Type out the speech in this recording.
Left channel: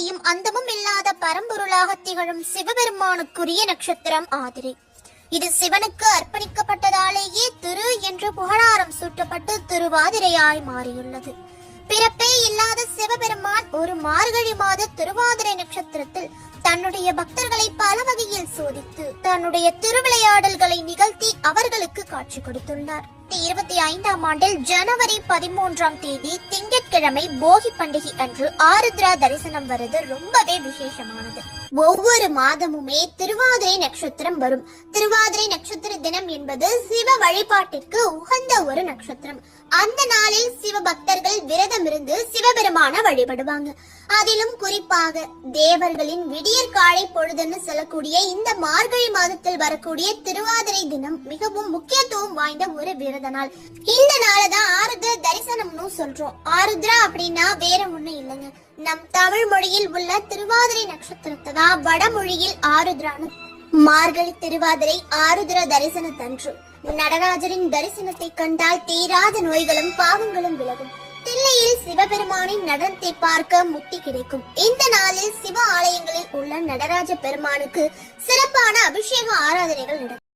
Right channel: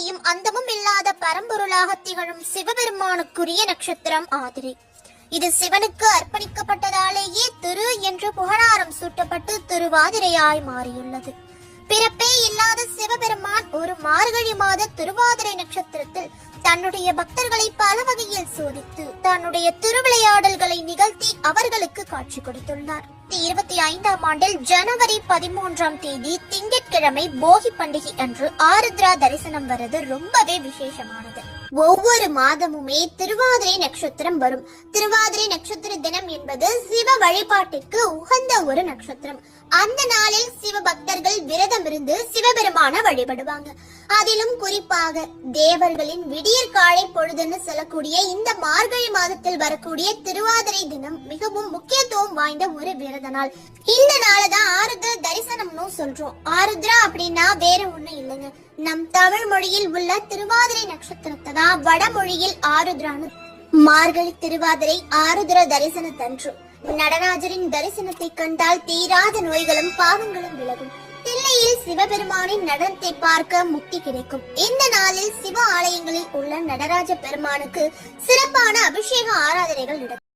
ஆதியும் அந்தமும் இல்லாத பரம்பொருளாக திகழும் சிவபெருமானுக்குரிய நட்சத்திரம் ஆதிரை. இது சிவனுக்கு அர்ப்பணிக்கப்பட்டதாலேயே திரு என்ற புகழாரம் சூட்டப்பட்டு திருவாதிரையாய் மாறியுள்ளது. பிறப்பே இல்லாத சிவபெருமான் ஒரு மார்கழி மாத திருவாதிரை நட்சத்திரத்தில் தன்னுடைய பக்தர்களை பல வகையில் சோதித்து தன்னுடைய திருவிளையாடல்களை நிகழ்த்தி அவர்களுக்கு காட்சி கொடுத்துள்ளார். 2025ஆம் ஆண்டில் ஜனவரி 13ஆம் தேதி திங்கட்கிழமை போகி பண்டிகை அன்று ஆருத்ரா தரிசனம் வருது ரொம்பவே விசேஷமானது. ஒவ்வொரு மாதமுமே திருவாதிரை நட்சத்திரம் வரும். திருவாதிரை நட்சத்திர தினம் என்பது சிவ வழிபாட்டிற்கு உகந்த ஒரு நட்சத்திரம். அந்த நாளில் சிவ பக்தர்கள் விரதம் இருந்து சிவபெருமான வழிபடுவாங்க. அதிலும் குறிப்பாக தேவர்களின் விடியற் காலை பொழுதுன்னு சொல்லக்கூடிய இந்த மார்கழி மாதத்தில் வரக்கூடிய திருவாதிரை தினம் மிகவும் முக்கியத்துவம் வாய்ந்த ஒரு விரத நாள். இந்த நாளதான் ஆருத்ரா தரிசனம்னு சொல்றோம். ஆருத்ரா அப்படின்னா வேற ஒண்ணும் இல்லைங்க, நம் தமிழ் மொழியில் உள்ள திருவாதிரை நட்சத்திரத்தை தான் வடமொழியில் ஆருத்ரான்னு. மார்கழி திருவாதிரை ஆருத்ர தரிசனத்தன்று நடராஜரின் தரிசனத்தை கண்டால் தீராத நோய்களும் பாவங்களும் விலகும். தில்லையில் சிவபெருமானின் நடனத்தை பார்க்க முக்தி கிடைக்கும். இந்த நாளில் சிவ ஆலயங்களில் உள்ள நடராஜ பெருமானுக்கு சிறப்பான அபிஷேக ஆராதனைகள் நடக்கும்.